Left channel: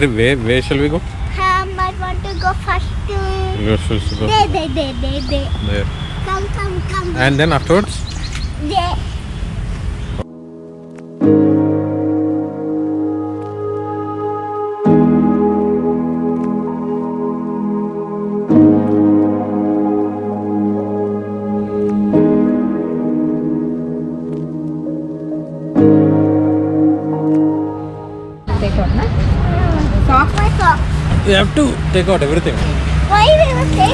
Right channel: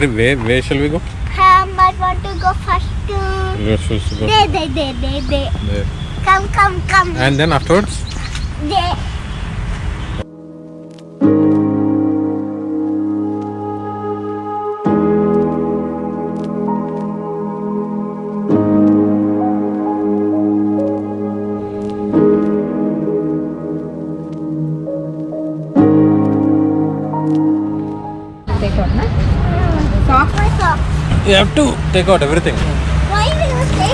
Where shall we go? I want to go first to... You're supposed to go There. Come. And then afterwards? There. Take out, na? Socks? My socks. You have to take out everything. Why do you say?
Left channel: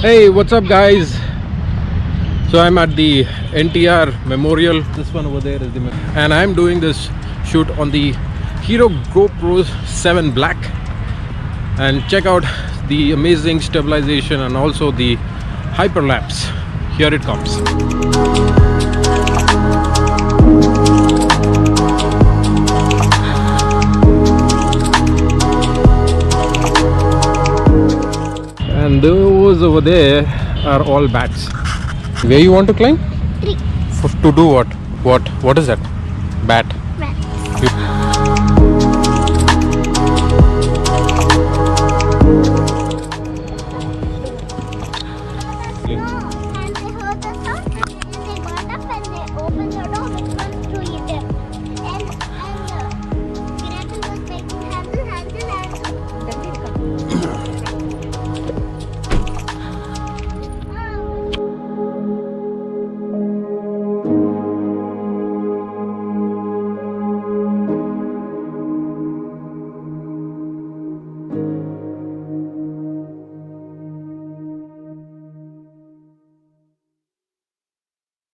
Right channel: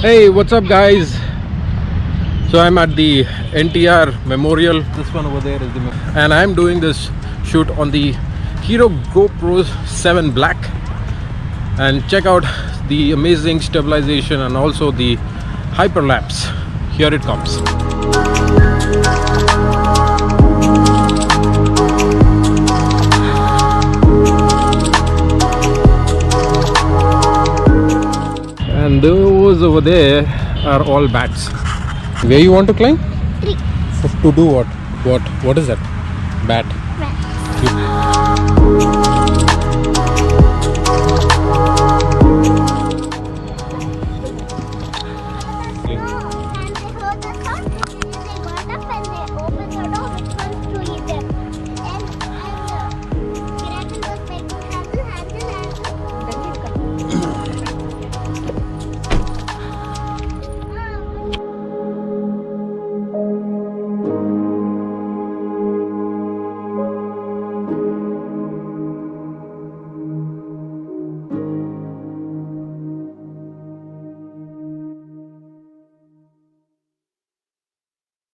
Hey, what's up guys? So I'm at the NTR Memorial. This one over there is the and I'm doing this shoot on the Hero GoPro 7 Black, and check out the amazing stabilization and also the hyperlapse. Here it comes. And those over there are all bats. Where you want to climb? 3. To do what? What is that? Bat.